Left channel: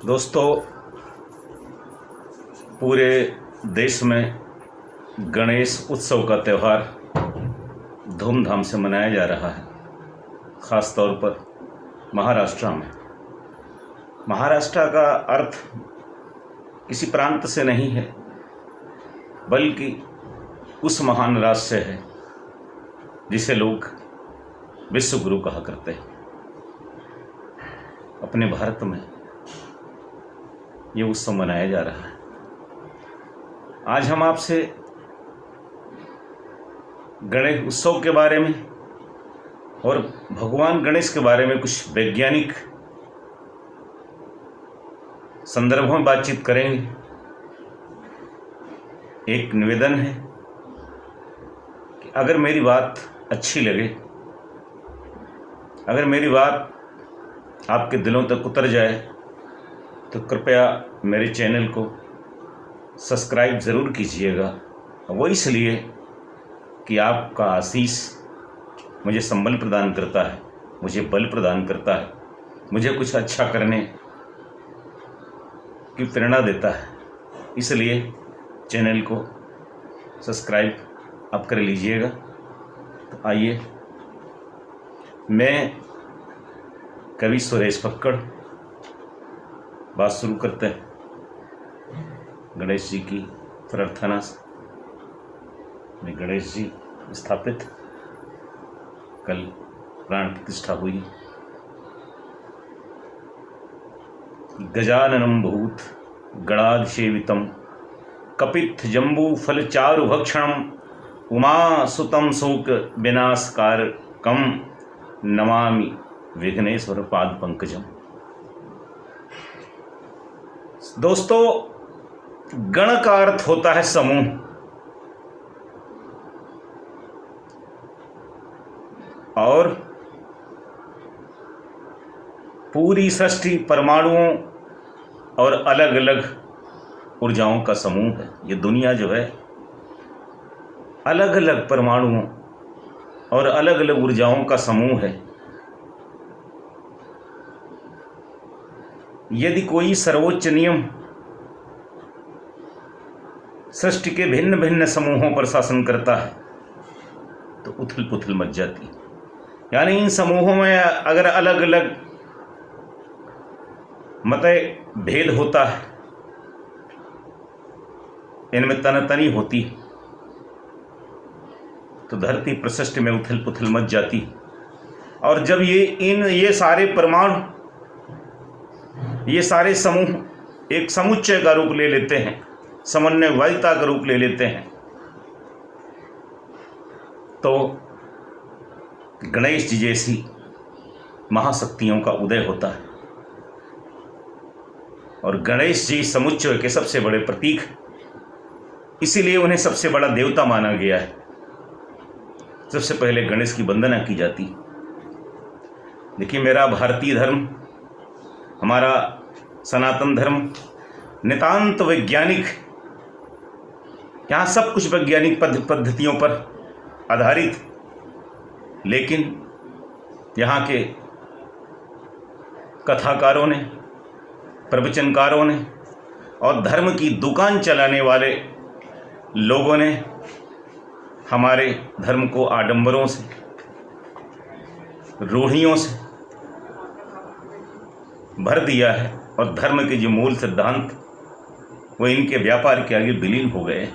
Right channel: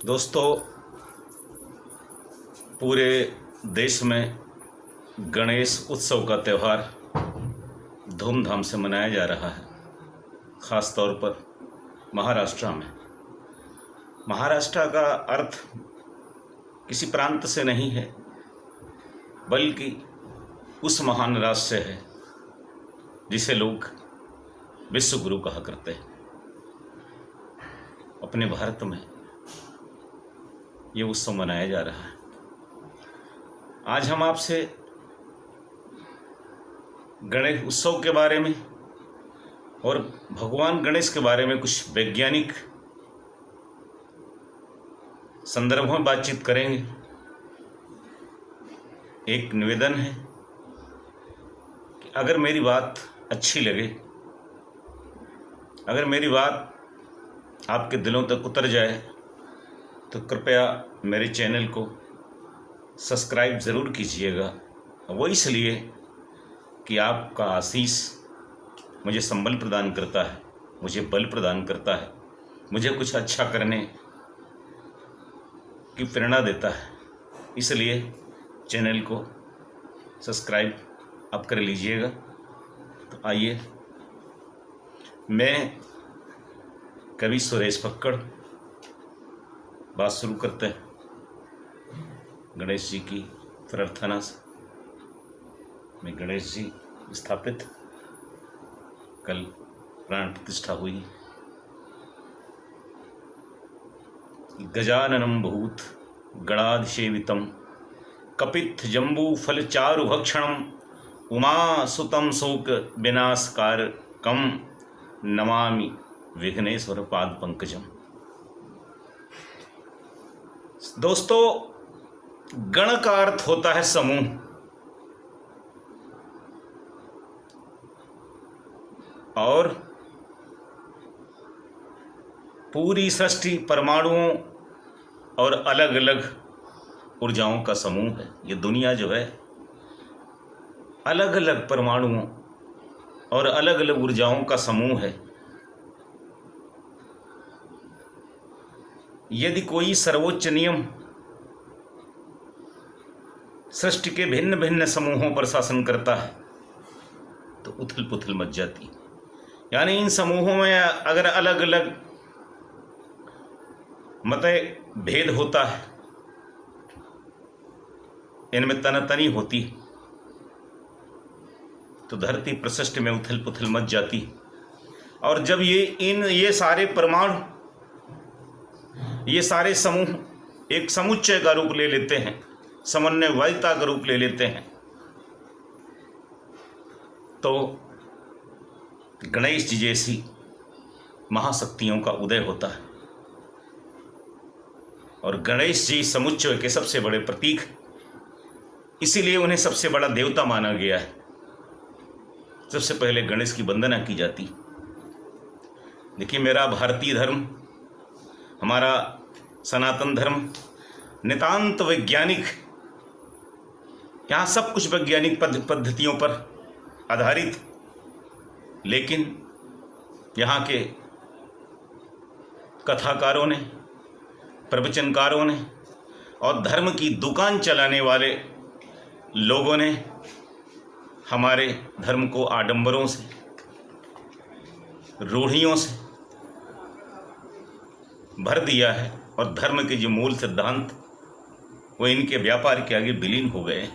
दोस्तों, पूरे देश में गणेश उत्सव का त्यौहार धूमधाम से मनाया जा रहा है। ख़ास तौर पर महाराष्ट्र में। महाराष्ट्र का अर्थ किसी प्रांत से नहीं है, बल्कि उस महान राज्य से है जिसे लोग विश्व गुरु कहा करते हैं। अपने भारत में ये उत्सव मनाया जा रहा है। आज हम आपसे गणेश उत्सव के बारे में और भगवान गणेश के बारे में कुछ वैज्ञानिक संदर्भों में बातचीत करेंगे। एक निवेदन है कि अगर मेरी बात अच्छी लगे, अगर मेरी बात आपके दिलों तक उतर जाए, तो कृपया मेरे चैनल को सब्सक्राइब ज़रूर कीजिएगा। वो इसलिए कि आपका आशीष मुझे संबल प्रदान करता है, मुझे बल प्रदान करता है, मुझे कुछ अच्छा करने की प्रेरणा देता है। इसलिए चैनल को सब्सक्राइब आप कर लीजिएगा। तो आइए, मैं कवि सुरेश फक्कड़ बात शुरू करते हैं गणेश जी की प्रार्थना से। गणेश जी स्थापित, कल प्राण प्रतिष्ठा हुई। गजाननं भूत गणाधिसेवितं कपित्थ जम्बू फल चारु भक्षणं उमा सुतं शोक विनाशकारकं नमामि विघ्नेश्वर पाद पंकजम। दोस्तों, गण का अर्थ होता है समूह। और पूरी सृष्टि परमाणुओं और अलग अलग ऊर्जाओं का समूह है। ये दुनिया जो है अलग अलग परमाणुओं और अलग अलग ऊर्जाओं का समूह है। यदि कोई सर्वोच्च नियम सृष्टि के भिन्न भिन्न समूहों पर शासन करता है तो उथल पुथल मच जाती है। यानी इन समूहों में अगर अलग अलग मत भेद होता है, इनमें तनातनी होती, तो धरती प्रशिष्ट में उथल पुथल मच जाती। और जब ये सारे परमाणु, ये सारे समूह एक समुच्चय का रूप ले लेते हैं, समन्वयता का रूप ले लेते हैं, तो गणेश जी जैसी महाशक्तियों का उदय होता है। और गणेश जी समुच्चय के सबसे बड़े प्रतीक, इसीलिए उन्हें सबसे बड़ा देवता माना गया है। सबसे पहले गणेश की वंदना की जाती। देखिए, मेरा भारतीय धर्म, हमारा सनातन धर्म नितांत वैज्ञानिक, यहाँ सब कुछ वैज्ञानिक पद्धतियों पर आधारित। लेकिन यहाँ के कथाकारों ने, प्रवचनकारों ने और धर्म की दुकान चलाने वाले लोगों ने हमारे धर्म को आडंबरों से, रूढ़ियों से भर दिया है। और धर्म के जो मूल सिद्धांत, वो इनके व्यापार के आगे विलीन हो गए।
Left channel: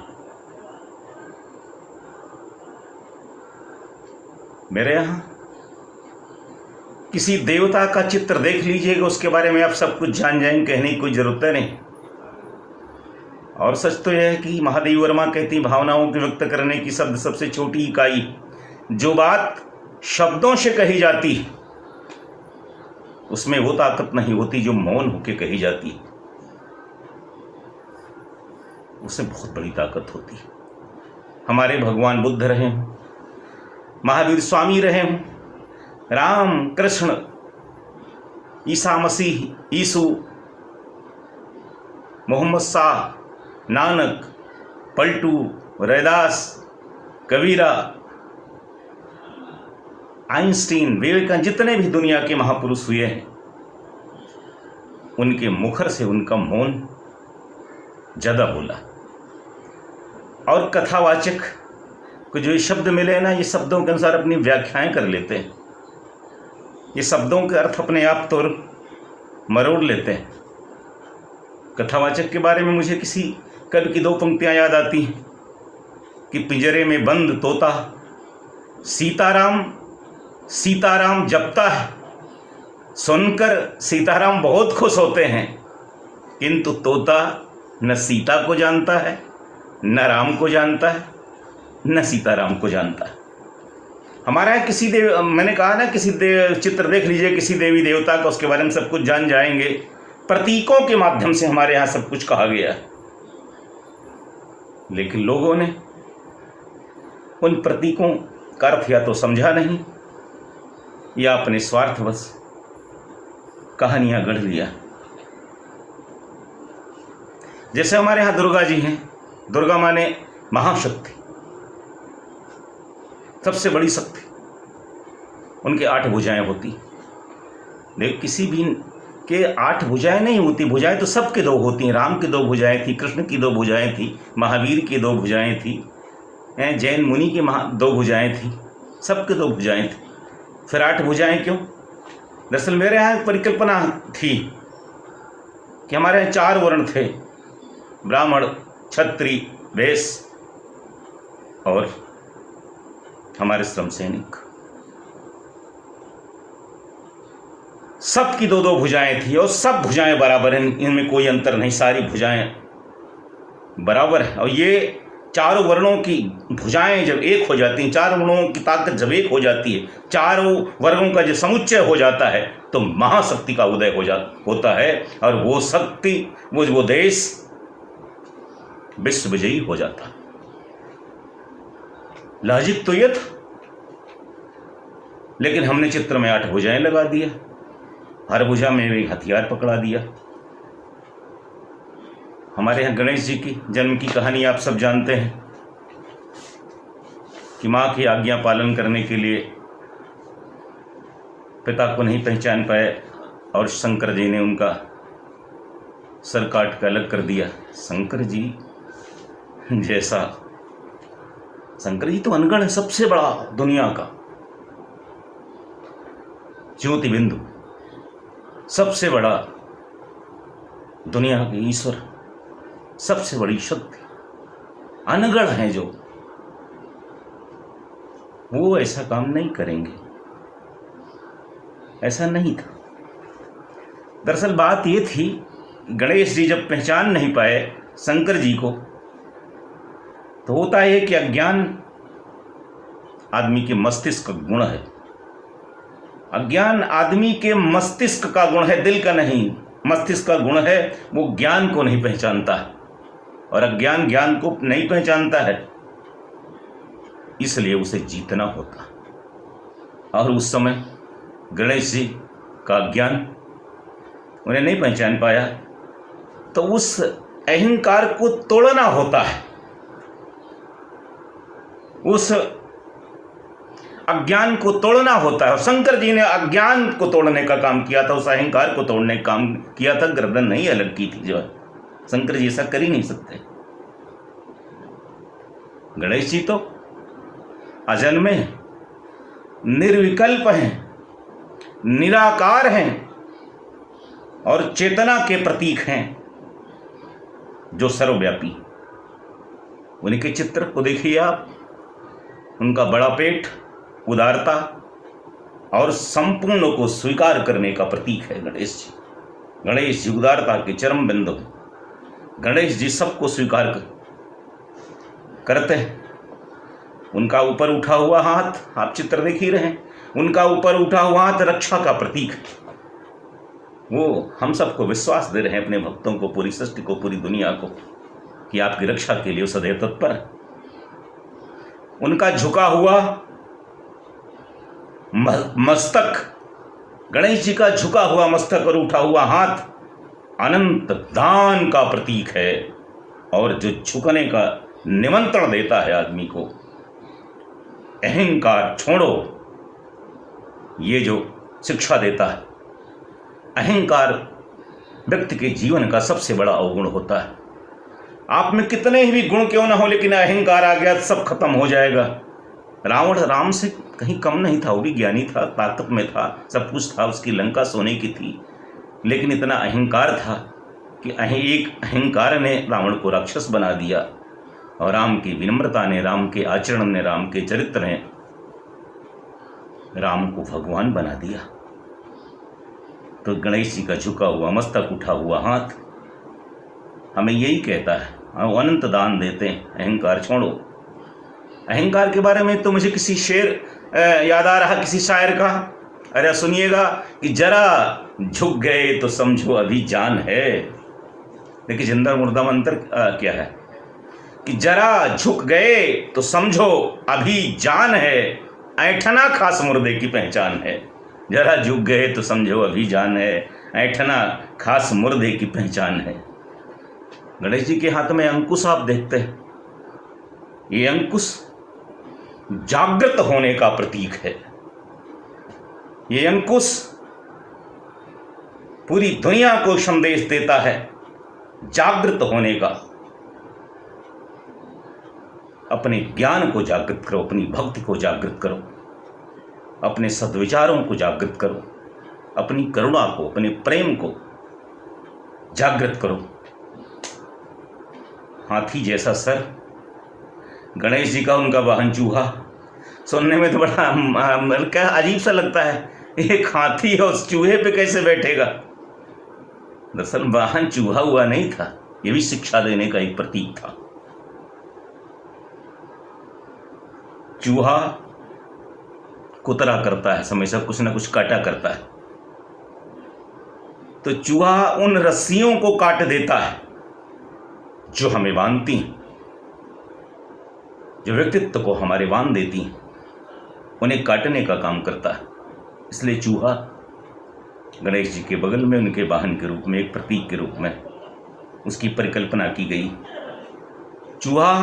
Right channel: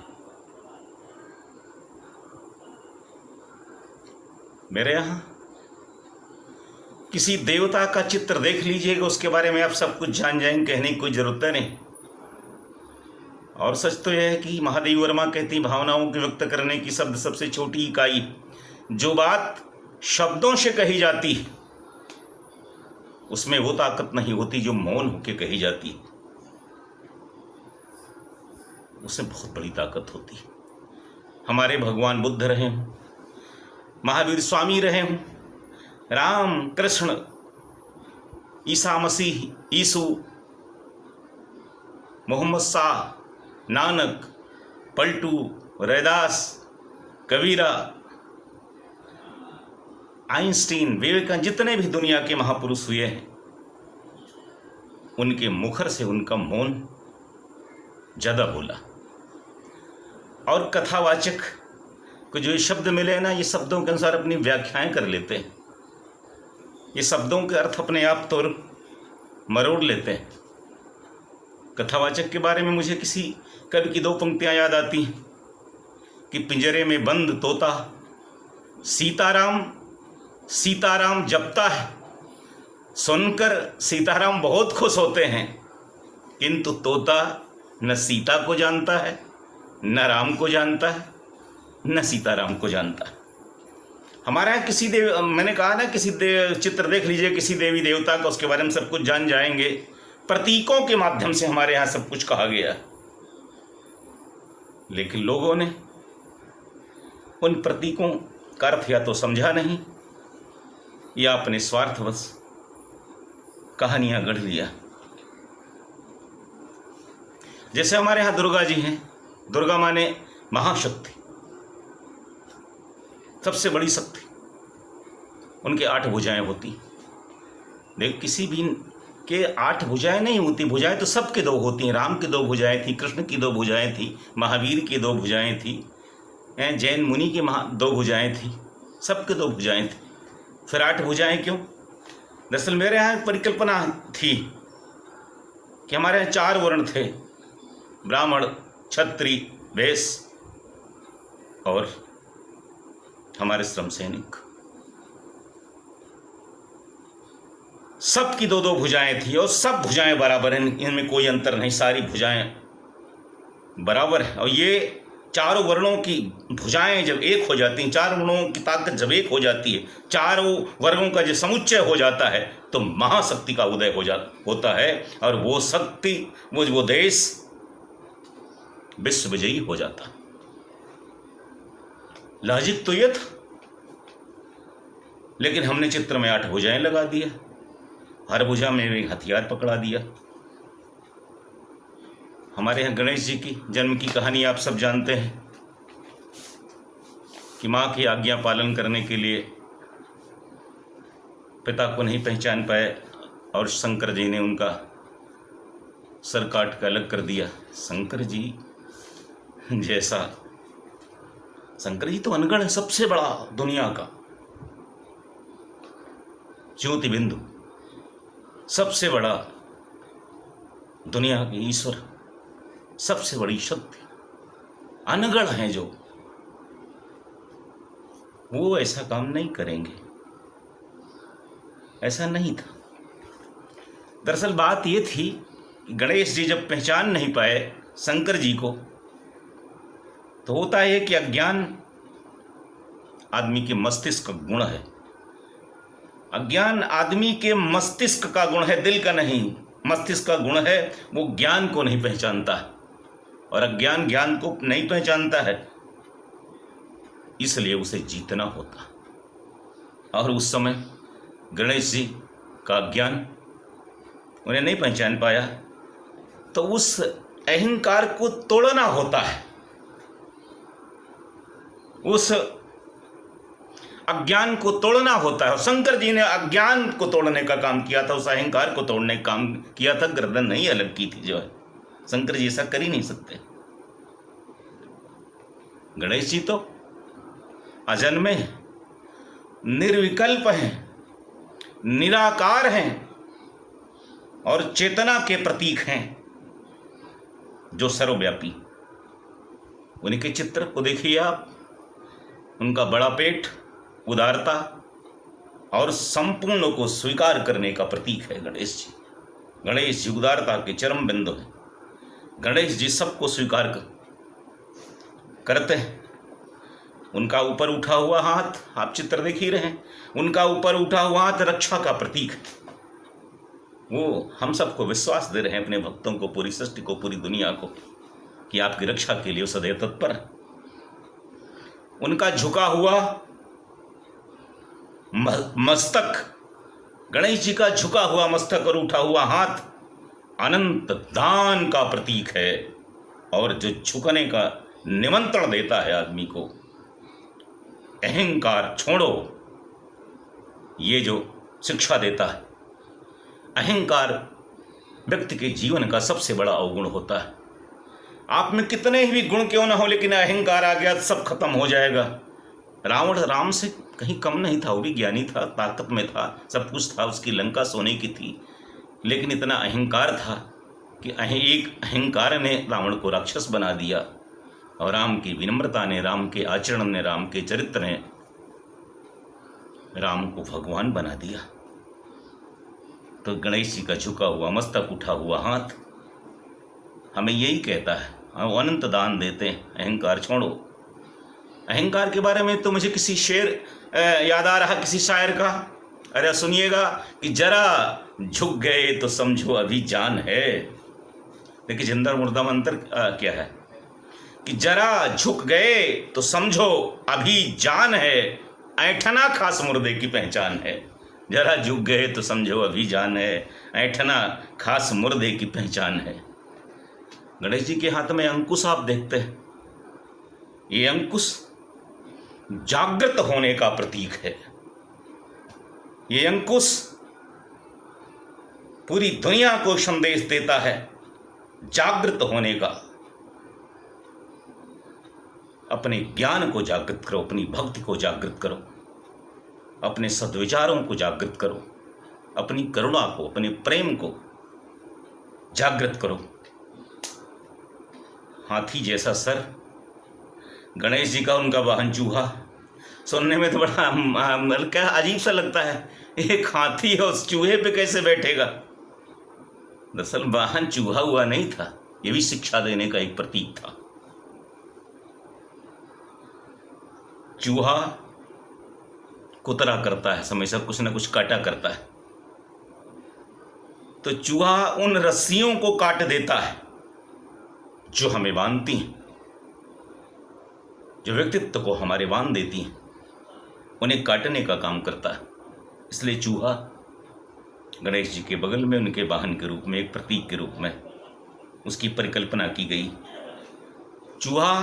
मेरे यहाँ किसी देवता का चित्र देख लीजिएगा, उसके बारे में आप सब कुछ जान जाएंगे, कहने की कोई जरूरत नहीं। और सच तो यह है कि महादेवी वर्मा कहती, भावनाओं को व्यक्त करने की शब्द सबसे छोटी इकाई, जो बात शब्दों से कही जाती उसमें वो ताकत नहीं होती जो मौन होकर कही जाती है, उसमें बहुत बड़ी ताकत होती। हमारे भगवान बुद्ध रहे हों, महावीर स्वामी रहे हों, राम कृष्ण, ईसा मसीह, यीशु, मोहम्मद शाह, नानक, पलटू, रैदास, कबीरा, आइंस्टीन, विवेकानंद, जितने भी दुनिया के महापुरुष हुए हैं, उनके मुखर से उनका मौन ज्यादा बोला। और कथावाचक को जो ये शब्द मिले ना, ये शब्दों के अनुसार अपनी व्याख्याएं कर लेते हैं, ये शब्दों के अर्थ अपने आप तो मरोड़ लेते हैं। कथावाचक के बारे में मुझे किसी कवि की 2 पंक्तियां याद आती हैं कि पिंजरे में बंद तोता सीताराम सीताराम जपता है, सुनकर सीताराम बहुत खुश होते हैं, किंतु तोता न सीता को जानता है, न राम को जानता है, न सीताराम को जानता है। हमारे यहाँ किसी मैंने कहा ना, किसी चित्र देख लीजिए किसी देवी देवता का, उसके बारे में सब कुछ जान जाएंगे। प्रतीकों के माध्यम से हमारे यहाँ सब कुछ कहा गया है, लेकिन लोगों ने उन प्रतीकों का अर्थ या तो समझा नहीं या अपने स्वार्थवश कहानियां गढ़ लिया। जैसे हमारे यहाँ दुर्गा जी हैं, दुर्गा माने महाशक्ति, सबसे बड़ी शक्ति, उनके 8 भुजाएं होती। देख, किसी भी के 8 भुजाएं नहीं होती, भुजाएं तो सबके 2 होती हैं। राम की 2 भुजाएं थी, कृष्ण की 2 भुजाएं थी, महावीर की 2 भुजाएं थी, जैन मुनि की 2 भुजाएं थी, सबके 2 भुजाएं थी। फिर 8 भुजाएं क्यों? दरअसल मेरे यहाँ एक परिकल्पना थी कि हमारे यहाँ 4 वर्ण थे, ब्राह्मण, क्षत्रिय, वैश्य और हमारे श्रम सैनिक। सबकी 2-2 भुजाएं थी और सब भुजाएं बराबर हैं, इनमें कोई अंतर नहीं, सारी भुजाएं बराबर है। और ये 4 वर्णों की भुजाएं जब एक हो जाती हैं, 4 वर्णों की ताकत जब एक हो जाती है, 4 वर्गों का जो समुच्चय हो जाता है, तो महाशक्ति का उदय होता है, और वो शक्ति, वो देश विश्व विजयी हो जाता। लॉजिक तो ये था, लेकिन हमने चित्र में 8 भुजाएं लगा दिया, हर भुजा में एक हथियार पकड़ा दिया। हमारे यहाँ गणेश जी की जन्म की कहानी आप सब जानते हैं कि मां की आज्ञा पालन करने के लिए पिता को नहीं पहचान पाए और शंकर जी ने उनका सर काट कर अलग कर दिया। शंकर जी जैसा, शंकर जी तो अनगढ़ है, सबसे बड़ा दुनिया का ज्योति बिंदु, सबसे बड़ा दुनिया के ईश्वर, सबसे बड़ी शक्ति, अनगढ़ हैं जो, वो ऐसा काम नहीं करेंगे, ऐसा नहीं था। दरअसल बात ये थी, गणेश जी जब पहचान नहीं पाए शंकर जी को, तो होता है कि अज्ञान आदमी के मस्तिष्क का गुण है। अज्ञान आदमी के मस्तिष्क का गुण है, दिल का नहीं, मस्तिष्क का गुण है। वो ज्ञान को नहीं पहचानता है, और अज्ञान ज्ञान को नहीं पहचानता है, इसलिए उसे जीतना होता। और उस समय गणेश जी का अज्ञान उन्हें नहीं पहचान पाया, तो उस अहंकार को तोड़ना होता है, उस अज्ञान को तोड़ना होता है। और शंकर जी ने अज्ञान को तोड़ने का काम किया था, उस अहंकार को तोड़ने का काम किया था, गर्दन नहीं अलग की थी। जो है शंकर जी ऐसा कर ही नहीं सकते। गणेश जी तो अजन्मे हैं, निर्विकल्प हैं, निराकार हैं, और चेतना के प्रतीक हैं जो सर्वव्यापी। उनके चित्र को देखिए आप, उनका बड़ा पेट, उदारता और संपूर्ण को स्वीकार करने का प्रतीक है गणेश जी। गणेश जी उदारता के चरम बिंदु हैं। गणेश जी सबको स्वीकार करते हैं। उनका ऊपर उठा हुआ हाथ, आप चित्र देख ही रहे हैं, उनका ऊपर उठा हुआ हाथ रक्षा का प्रतीक है। वो हम सबको विश्वास दे रहे हैं, अपने भक्तों को, पूरी सृष्टि को, पूरी दुनिया को, कि आपकी रक्षा के लिए सदैव तत्पर है। उनका झुका हुआ मस्तक, गणेश जी का झुका हुआ मस्तक और उठा हुआ हाथ अनंत दान का प्रतीक है, और जो झुकने का निमंत्रण देता है आदमी को, अहंकार छोड़ो, ये जो शिक्षा देता है। अहंकार व्यक्ति के जीवन का सबसे बड़ा अवगुण होता है। आप में कितने ही भी गुण क्यों ना हो, लेकिन अहंकार आ गया तो सब खत्म हो जाएगा। रावण राम से कहीं कम नहीं था, वो भी ज्ञानी था, ताकत में था, सब कुछ था, उसकी लंका सोने की थी, लेकिन इतना अहंकार था कि एक अहंकार ने रावण को राक्षस बना दिया। और राम की विनम्रता ने, राम के आचरण ने, राम के चरित्र ने राम को भगवान बना दिया। तो गणेश जी का झुका हुआ मस्तक, उठा हुआ हाथ हमें यही कहता है, हम अनंत दान देते हैं, अहंकार छोड़ो। अहंकार के बारे में तो मुझे किसी शेर याद आ रहा, किसी शायर का, अरे सुनिएगा कि जरा झुक गए तो समझो अभी जान है। देखिए जिंदर मुर्दा मंत्र क्या है कि जरा झुक गए तो समझो अभी जान है, ऐठना खास मुर्दे की पहचान है। जरा झुक गए तो समझो अभी जान है, ऐठना खास मुर्दे की पहचान है। गणेश जी के हाथ में अंकुश आप देखते हैं, ये अंकुश जागृत होने का प्रतीक है। ये अंकुश पूरी दुनिया को संदेश देता है जागृत होने का। अपने ज्ञान को जागृत करो, अपनी भक्ति को जागृत करो, अपने सद्विचारों को जागृत करो, अपनी करुणा को, अपने प्रेम को जागृत करो। हाथी जैसा सर, गणेश जी का उनका वाहन चूहा, सुनने में तो बड़ा क्या अजीब सा लगता है, एक हाथी है उस चूहे पे कैसे बैठेगा। दरअसल वाहन चूहा हुआ नहीं था, ये भी शिक्षा देने का एक प्रतीक था। चूहा कुतरा करता है, हमेशा कुछ ना कुछ काटा करता है, तो चूहा उन रस्सियों को काट देता है जो हमें बांधती हैं, जो व्यक्तित्व को हमारे बांध देती हैं, उन्हें काटने का काम करता है। इसलिए चूहा गणेश जी के बगल में उनके वाहन के रूप में, एक प्रतीक के रूप में उसकी परिकल्पना की गई। चूहा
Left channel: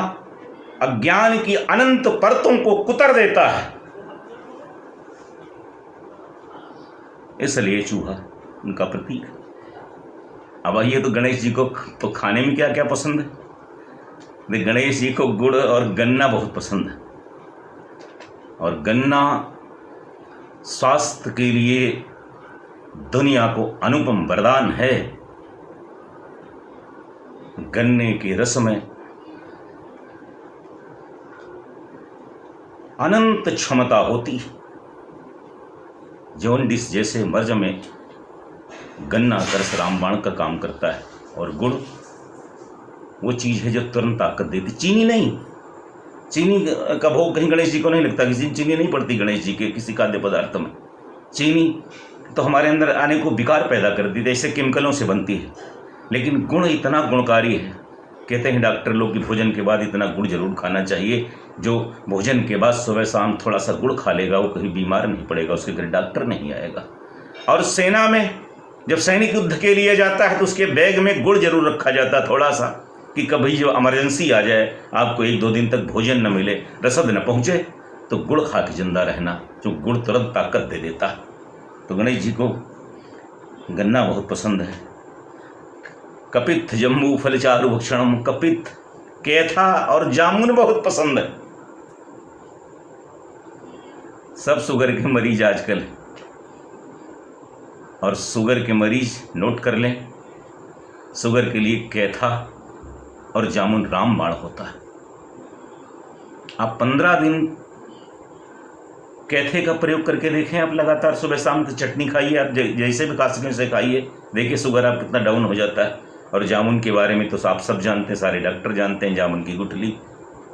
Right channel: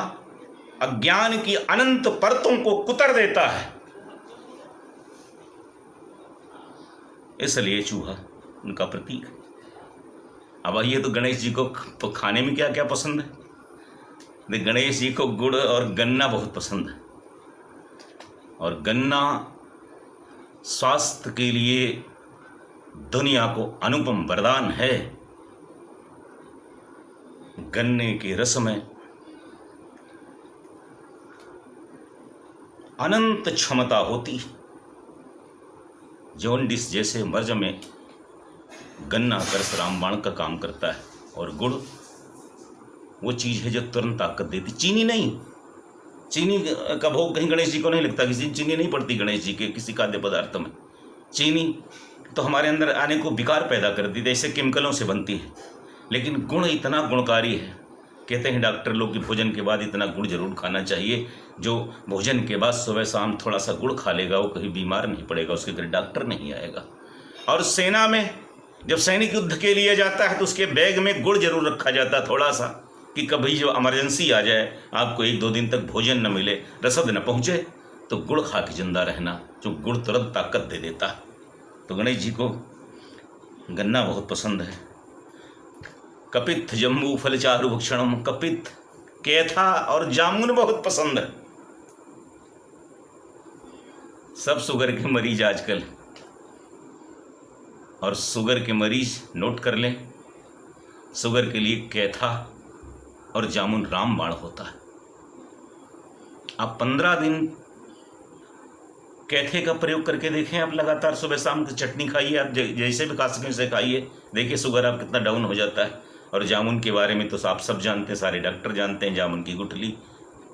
अज्ञान की अनंत परतों को कुतर देता है, इसलिए चूहा उनका प्रतीक। अब आइए तो गणेश जी को तो खाने में क्या क्या पसंद है। गणेश जी को गुड़ और गन्ना बहुत पसंद है, और गन्ना स्वास्थ्य के लिए दुनिया को अनुपम वरदान है। गन्ने के रस में अनंत क्षमता होती है। जॉन्डिस जैसे मर्ज में गन्ना का रस रामबाण का काम करता है, और गुड़ वो चीज है जो तुरंत ताकत देती। चीनी नहीं, चीनी का भोग कहीं गणेश जी को नहीं लगता, किसी चीनी नहीं पड़ती गणेश जी के किसी खाद्य पदार्थ में। चीनी तो हमारे अंदर आने को विकार पैदा करती है, ऐसे केमिकलों से बनती है। लेकिन गुण इतना गुणकारी है, कहते हैं डॉक्टर लोग कि भोजन के बाद इतना गुड़ जरूर खाना चाहिए। जो भोजन के बाद सुबह शाम थोड़ा सा गुड़ खा लेगा वो कहीं बीमार नहीं पड़ेगा, उसके घर डॉक्टर नहीं आएगा। और सेना में जब सैनिक युद्ध के लिए जाता है तो उसके बैग में गुड़ जरूर रखा जाता है थोड़ा सा, कि कभी जो इमरजेंसी आ जाए, आपको 1-2 दिन तक भोजन न मिले, रसद न पहुंचे, तो गुड़ खा के जिंदा रहना, जो गुड़ तुरंत ताकत दे देता। तो गणेश जी को गन्ना बहुत पसंद है। कपित जम्बू फल चारु भक्षणम, कपित कैथा और जामुन बहुत पसंद है। सब शुगर के मरीज आजकल, और शुगर के मरीज नोट कर लें, शुगर के लिए कैथा और जामुन रामबाण होता है। आप 15 दिन कैथे का प्रयोग करके देखें, आप लगातार सुबह शाम की चटनी खाइए, आप जैसे भी खा सकें से खाइए, देखिए शुगर आप कितना डाउन हो जाता है। और जामुन के बारे में तो आप सब जानते हैं, सारे डॉक्टर जानते हैं। जामुन की गुठली,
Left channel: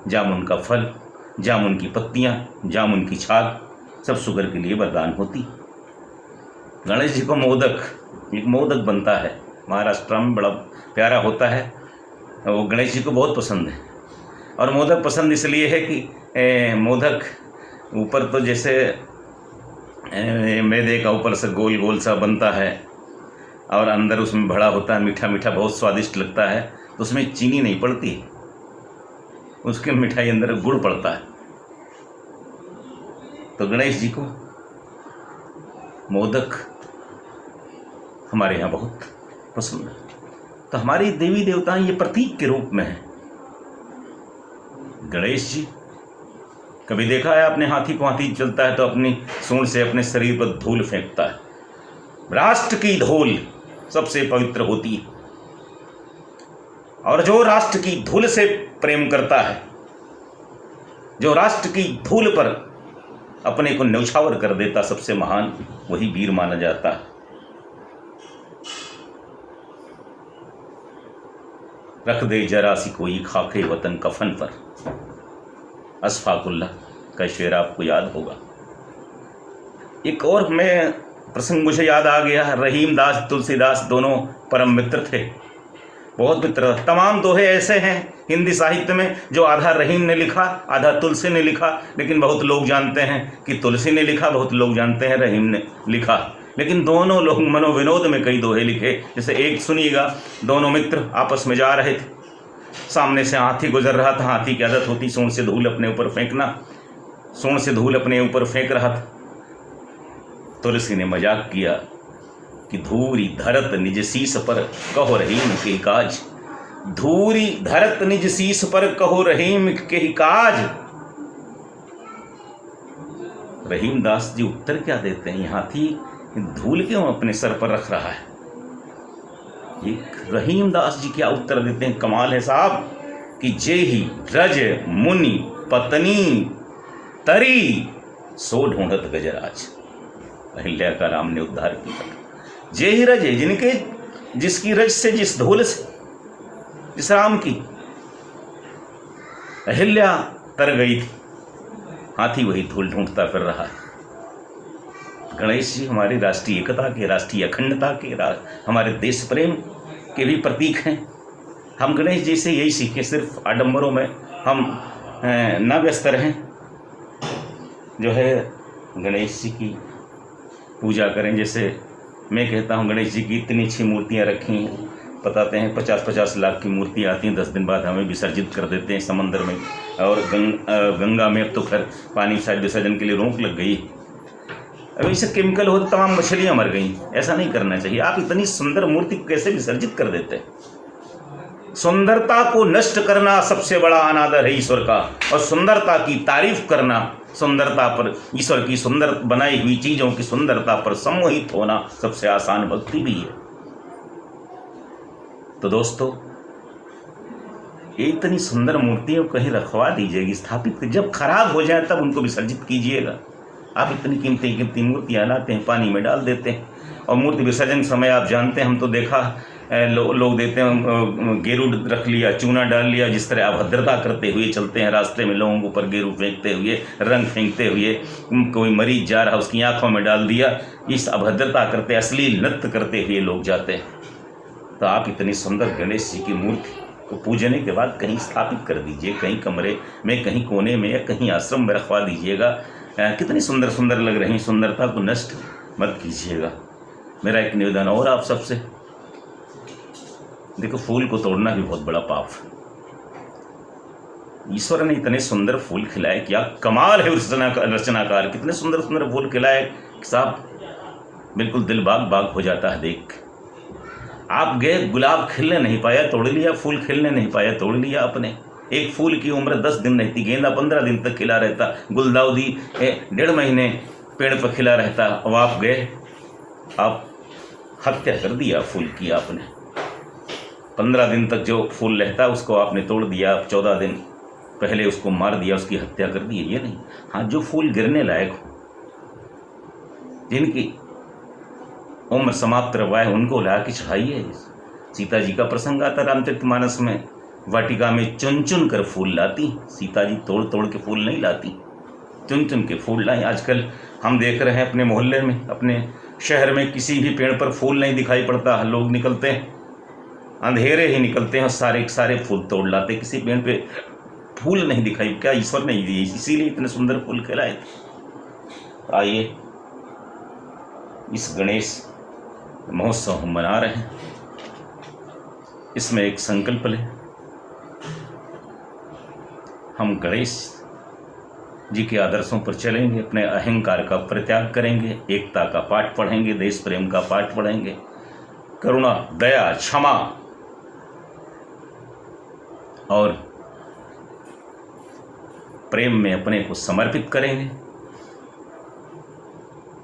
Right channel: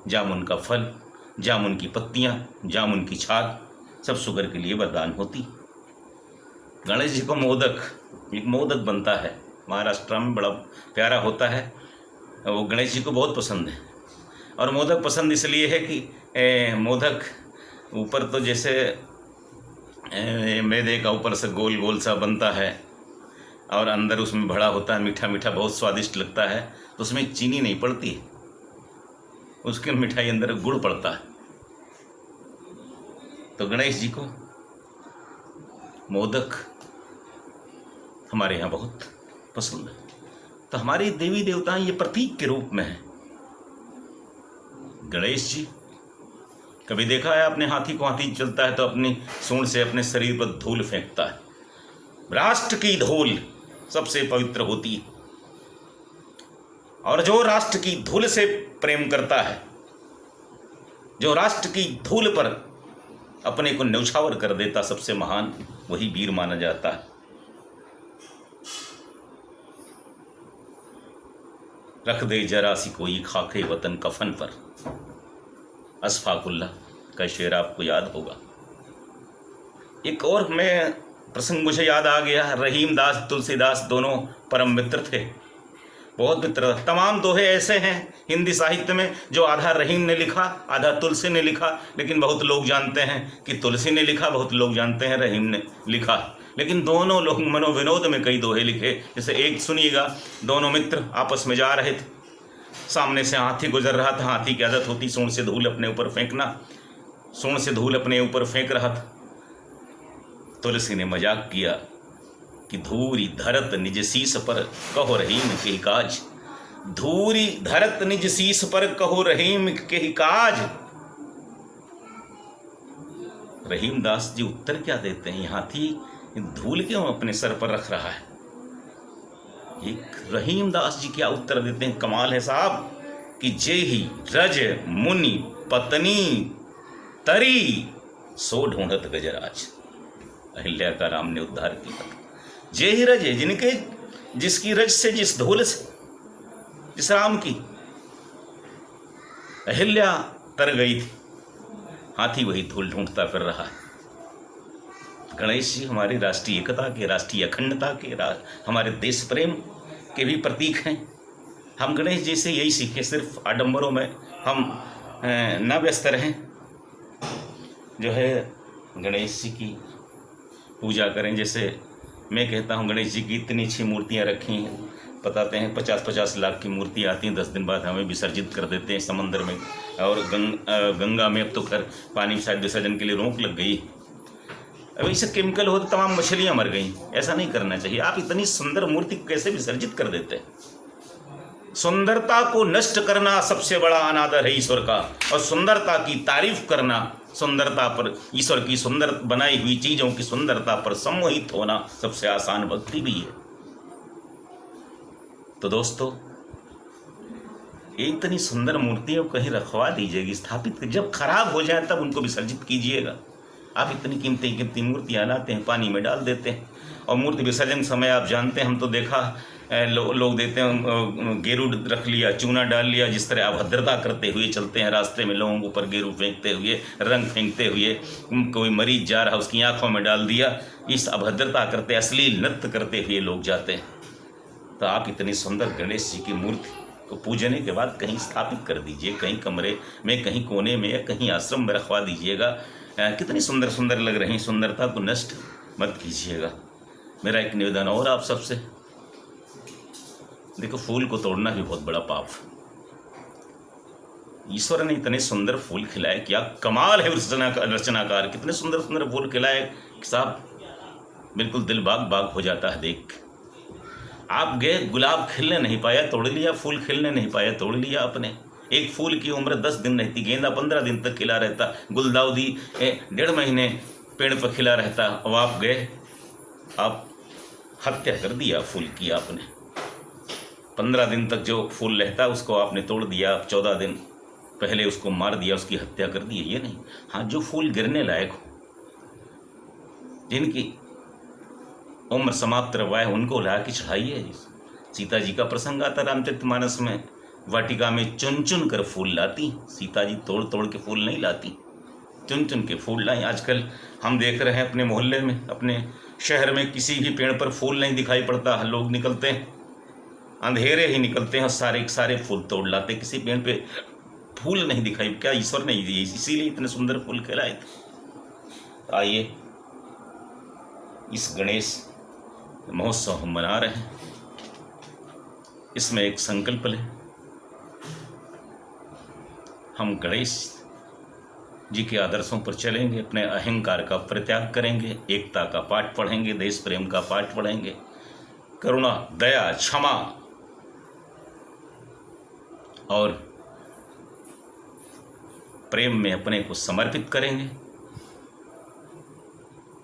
जामुन का फल, जामुन की पत्तियां, जामुन की छाल, सब शुगर के लिए वरदान होती। गणेश जी को मोदक, एक मोदक बनता है महाराष्ट्र में, बड़ा प्यारा होता है, वो गणेश जी को बहुत पसंद है। और मोदक पसंद इसलिए है कि मोदक ऊपर तो जैसे मैदे का ऊपर से गोल गोल सा बनता है, और अंदर उसमें भरा होता है, मीठा मीठा, बहुत स्वादिष्ट लगता है। तो उसमें चीनी नहीं पड़ती, उसके मिठाई अंदर गुड़ पड़ता है। तो गणेश जी को मोदक हमारे यहाँ बहुत पसंद। तो हमारी देवी देवता ये प्रतीक के रूप में है। गणेश जी, कभी देखा है आपने हाथी को? हाथी चलता है तो अपनी सूंड से अपने शरीर पर धूल फेंकता है। राष्ट्र की धूल सबसे पवित्र होती है, और जो राष्ट्र की धूल से प्रेम करता है, जो राष्ट्र की धूल पर अपने को न्यौछावर कर देता, सबसे महान वही वीर माना जाता है। रख दे जरा सी कोई खाके वतन कफन पर, अशफाकुल्लाह का शेर आपको याद होगा। एक और मैं प्रसंग मुझे याद आ गया। रहीम दास तुलसीदास दोनों परम मित्र थे, बहुत मित्र। तमाम दोहे ऐसे हैं हिंदी साहित्य में जो आधा रहीम ने लिखा, आधा तुलसी ने लिखा, लेकिन बहुत लोग जानते हैं कि तुलसी ने लिखा, बहुत लोग जानते हैं रहीम ने लिखा। लेकिन दोनों लोग मनोविनोद में कई दोहे लिखे। जैसे एक सुनिएगा, दोनों मित्र आपस में जा रहे थे, सामने से हाथी गुजर रहा था। हाथी की आदत होती सूंड से धूल अपने ऊपर फेंकना, सूंड से धूल अपने ऊपर फेंक रहा था। तुलसी ने मजाक किया कि धूरी धरत निज शीस पर कहो रहीम के काज, धूरी धरत निज शीस पर कहो रहीम के काज। रहीम दास जी उत्तर क्या देते हैं? हाथी धूल क्यों अपने सर पर रख रहा है? एक रहीम दास जी क्या उत्तर देते हैं, कमाल है साहब, कि जे ही रज मुनि पत्नी तरी सो ढूंढत गजराज। अहिल्या का राम ने उद्धार किया। जे ही रज, जिनके जिसकी रज से, जिस धूल से, जिस राम की अहिल्या तर गई थी, हाथी वही धूल ढूंढता फिर रहा है। गणेश जी हमारी राष्ट्रीय एकता के, राष्ट्रीय अखंडता के, हमारे देश प्रेम के भी प्रतीक हैं। हम गणेश जी से यही सीखें, सिर्फ आडंबरों में हम न व्यस्त रहें। जो है गणेश जी की पूजा करें। जैसे मैं कहता हूँ गणेश जी की इतनी अच्छी मूर्तियाँ रखी हैं, बताते हैं 50-50 लाख की मूर्तियाँ आती हैं, 10 दिन बाद हमें विसर्जित कर देते हैं समंदर में। और गंगा में अब तो खैर पानी शायद विसर्जन के लिए रोक लग गई। अब इससे केमिकल हो तो तमाम मछलियाँ मर गई। ऐसा नहीं करना चाहिए। आप इतनी सुंदर मूर्ति को कैसे विसर्जित कर देते हैं? सुंदरता को नष्ट करना सबसे बड़ा अनादर है ईश्वर का, और सुंदरता की तारीफ करना, सुंदरता पर, ईश्वर की सुंदर बनाई हुई चीजों की सुंदरता पर सम्मोहित होना सबसे आसान भक्ति भी है। तो दोस्तों, इतनी सुंदर मूर्तियों को कहीं रखवा दीजिएगा, स्थापित। जब खराब हो जाए तब उनको विसर्जित कीजिएगा। आप इतनी कीमती मूर्तियाँ लाते हैं, पानी में डाल देते हैं, और मूर्ति विसर्जन समय आप जानते हैं, हम तो देखा लोग देते हैं, गेरू रख लिया, चूना डाल लिया, जिस तरह अभद्रता करते हुए चलते हैं रास्ते में, लोगों के ऊपर गेरू फेंकते हुए, रंग फेंकते हुए, कोई मरीज जा रहा उसकी आंखों में डाल दिया, इस अभद्रता करते, अश्लील नृत्य करते हुए लोग जाते हैं। तो आप इतनी सुंदर गणेश जी की मूर्ति को पूजने के बाद कहीं स्थापित कर दीजिए, कहीं कमरे में, कहीं कोने में, या कहीं आश्रम में रखवा दीजिएगा। कितनी सुंदर सुंदर लग रही, सुंदरता को नष्ट मत कीजिएगा। मेरा एक निवेदन और आप सबसे, देखो फूल को तोड़ना भी बहुत बड़ा पाप है। ईश्वर ने इतने सुंदर फूल खिलाए, क्या कमाल है रचनाकार, कितने सुंदर सुंदर फूल खिलाए साहब, बिल्कुल दिल बाग बाग हो जाता है देख। आप गए, गुलाब खिलने नहीं पाया, तोड़ लिया, फूल खिलने नहीं पाया, तोड़ लिया आपने। एक फूल की उम्र 10 दिन रहती, गेंदा 15 दिन तक खिला रहता, गुलदाउदी 1.5 महीने पेड़ पर खिला रहता, अब आप गए, आप हत्या कर दिया फूल की आपने। 15 दिन तक जो फूल रहता है उसको आपने तोड़ दिया, आप 14 दिन पहले उसको मार दिया, उसकी हत्या कर दी। ये नहीं। हाँ, जो फूल गिरने लायक हो, जिनकी उम्र समाप्त रवाए, उनको ला के चढ़ाइए। सीता जी का प्रसंग आता रामचरितमानस में, वाटिका में चुन चुन कर फूल लाती सीता जी, तोड़ तोड़ के फूल नहीं लाती, चुन चुन के फूल लाई। आजकल हम देख रहे हैं अपने मोहल्ले में, अपने शहर में किसी भी पेड़ पर फूल नहीं दिखाई पड़ता। लोग निकलते हैं, अंधेरे ही निकलते हैं, सारे सारे फूल तोड़ लाते, किसी पेड़ पे फूल नहीं दिखाई। क्या ईश्वर ने दिए, इसीलिए इतने सुंदर फूल खिलाए थे। आइए, इस गणेश महोत्सव हम मना रहे हैं, इसमें एक संकल्प लें, हम गणेश जी के आदर्शों पर चलेंगे, अपने अहंकार का परित्याग करेंगे, एकता का पाठ पढ़ेंगे, देश प्रेम का पाठ पढ़ेंगे, करुणा, दया, क्षमा और प्रेम में अपने को समर्पित करेंगे।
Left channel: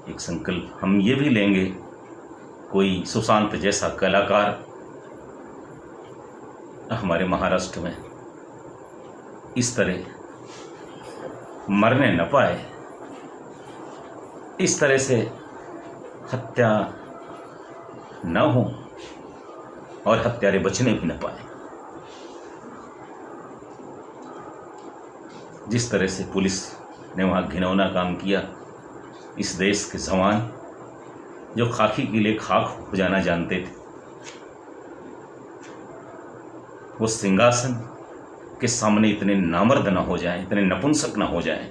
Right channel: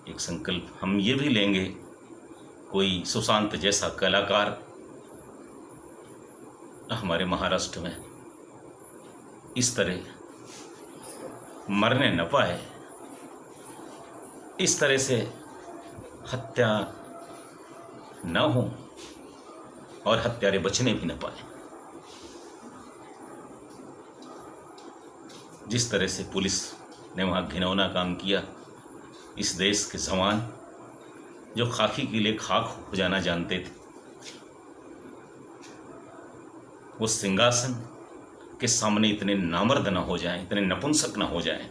एक संकल्प हम ये भी लेंगे, कोई सुशांत जैसा कलाकार हमारे महाराष्ट्र में इस तरह मरने न पाए, इस तरह से हत्या न हो और हत्यारे बचने भी न पाए। जिस तरह से पुलिस ने वहाँ घिनौना काम किया, इस देश के जवान जो खाकी के लिए खाक हो जाना जानते थे, वो सिंहासन के सामने इतने नामर्द ना हो जाएं, इतने नपुंसक ना हो जाएं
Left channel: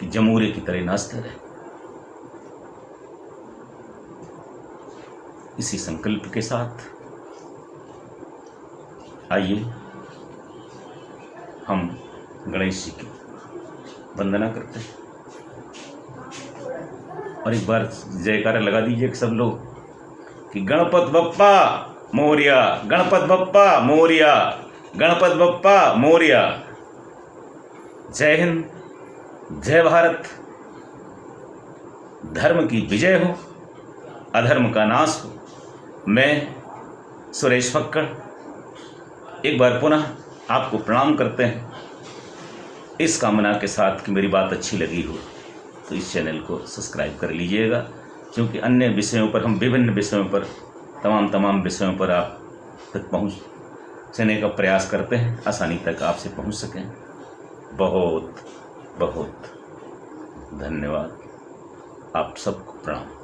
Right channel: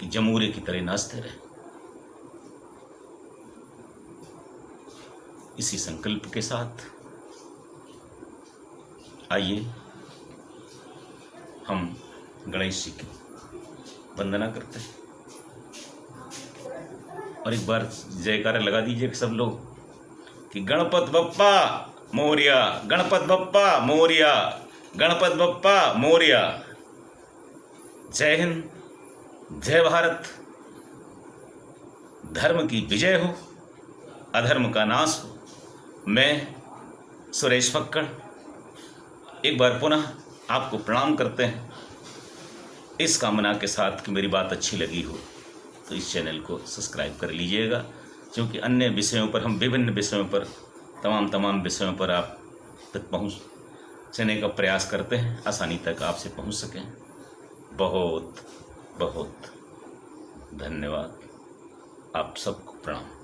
कि जमूरे की तरह नाचते रहे। इसी संकल्प के साथ आइए हम गणेश जी की वंदना करते हैं और एक बार जयकारा लगा दीजिए कि सब लोग कि गणपत बप्पा मोरिया, गणपत बप्पा मोरिया, गणपत बप्पा मोरिया। जय हिंद, जय भारत। धर्म की विजय हो, अधर्म का नाश हो। मैं सुरेश फक्कड़ एक बार पुनः आपको प्रणाम करते हैं, इस कामना के साथ कि मेरी बात अच्छी लगी हो तो इस चैनल को सब्सक्राइब कर लीजिएगा, क्योंकि अन्य विषयों पर हम विभिन्न विषयों पर तमाम विषयों पर आप तक पहुँचने का प्रयास करते हैं, आसानी तक आपसे पहुँच सकें। बहुत बहुत धन्यवाद। आप सबको प्रणाम।